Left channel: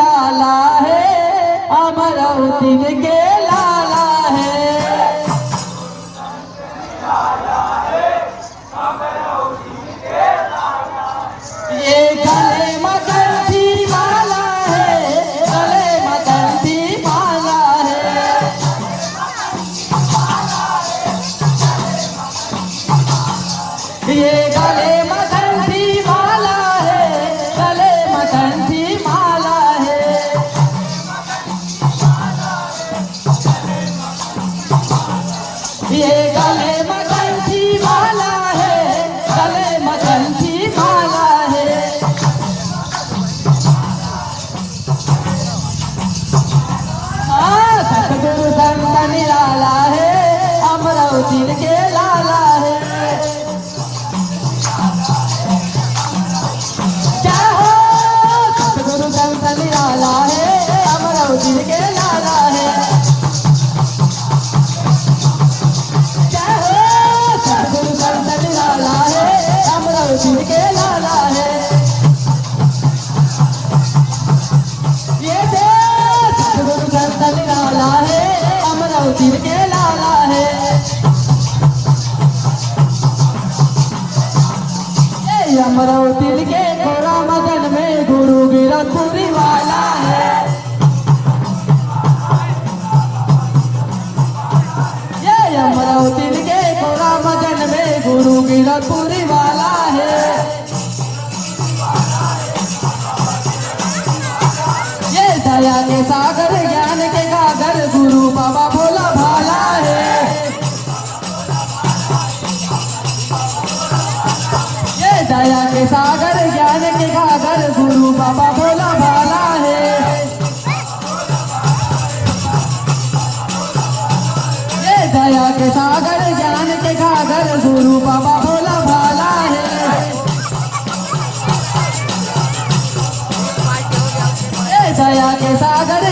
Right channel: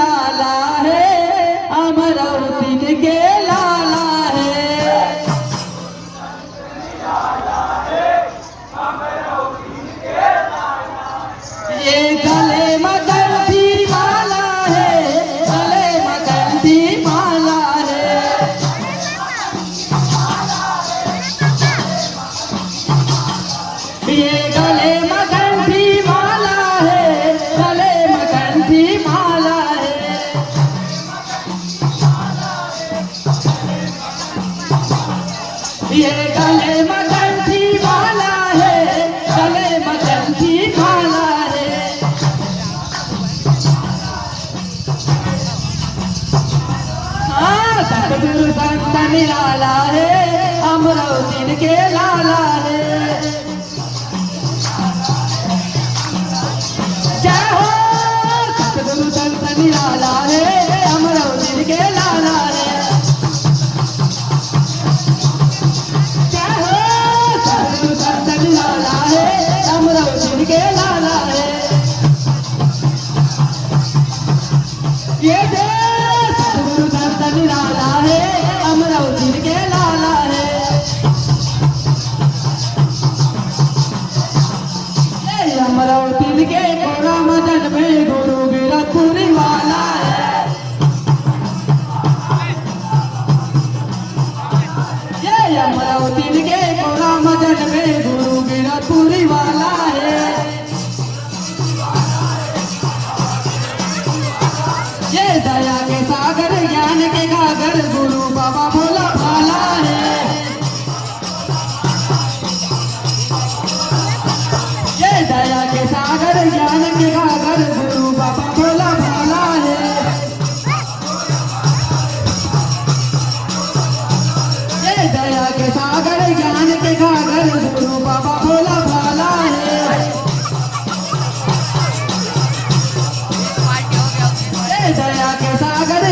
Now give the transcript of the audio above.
निराला है, अमरावती के लाला है। ये गले मगंती माला है, गले मगंती माला है। ये गले मगंती माला है, गले मगंती माला है। ये गले मगंती माला है, गले मगंती माला है। सतगुरु संत निराला है, अमरावती के लाला है। जय हो सतगुरु संत निराला है, अमरावती के लाला है। जय हो सतगुरु संत निराला है, अमरावती के लाला है। ये सतगुरु संत निराला है, अमरावती के लाला है। अमरावती के गोरा मदन में गुरु गिरधपुरी वाला है। ये अमरावती के गोरा मदन में गुरु गिरधपुरी वाला है। ये दया के सागर ज्ञान के गागर गुरु बाबा भोला भाला है। ये दया के सागर ज्ञान के गागर गुरु बाबा भोला भाला है। ये दया के सागर ज्ञान के गागर गुरु बाबा भोला भाला है। ये दया के सागर